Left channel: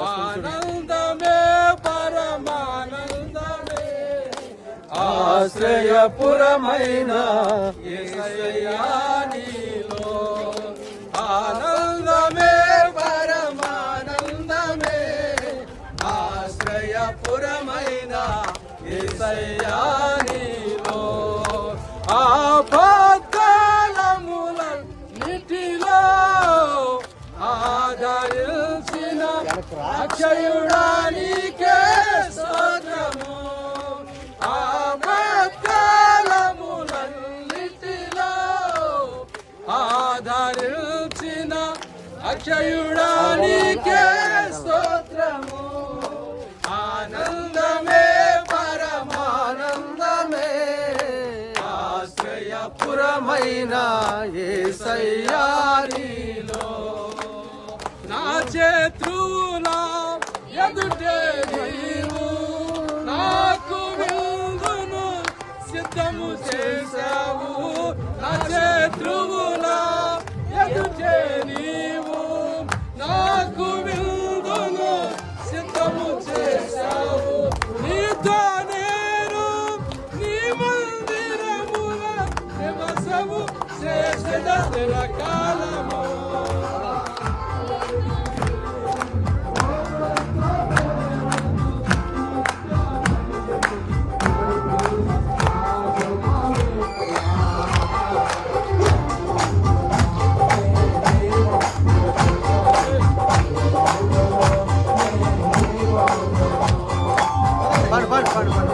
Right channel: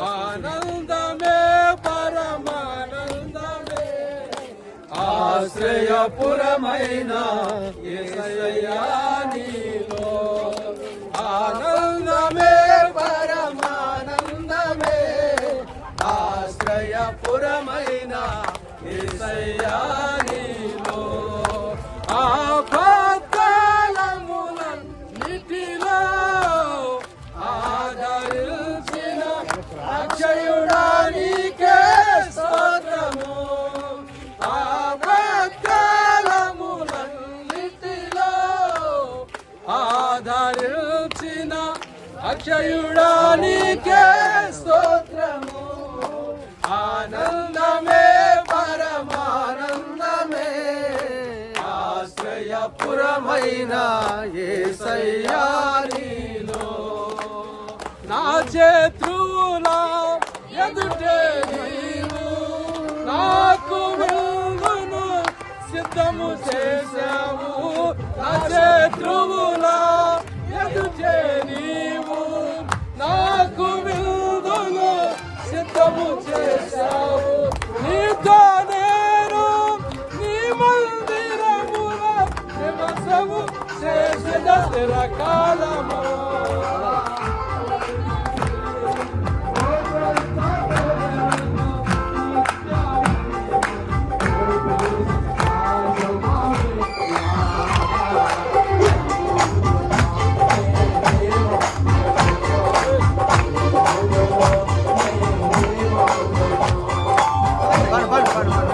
ఆనందమే పరమానందమే. ఆశ్రయపురమైన ఆనందమే పరమానందమే. ఆశ్రయపురమైన యేసయ్యా అక్షయుడానికే స్తోత్రము ఆపత్కాలములన్నిటిలో ఆదరించిన అక్షయుడానికే స్తోత్రము ఆనందమే పరమానందమే ఆశ్రయపురమైన ఏసయ్యారిలో నా శత్రువులా ఎదుటే నీవు నాకు విందును సిద్ధము చేశావు. నా శత్రువుల ఎదుటే నీవు నాకు విందును సిద్ధము చేశావు. నీతో నేను నీ మందిరముల నివసము చేసిన కాలము பாடு பாடு பாடு பாடு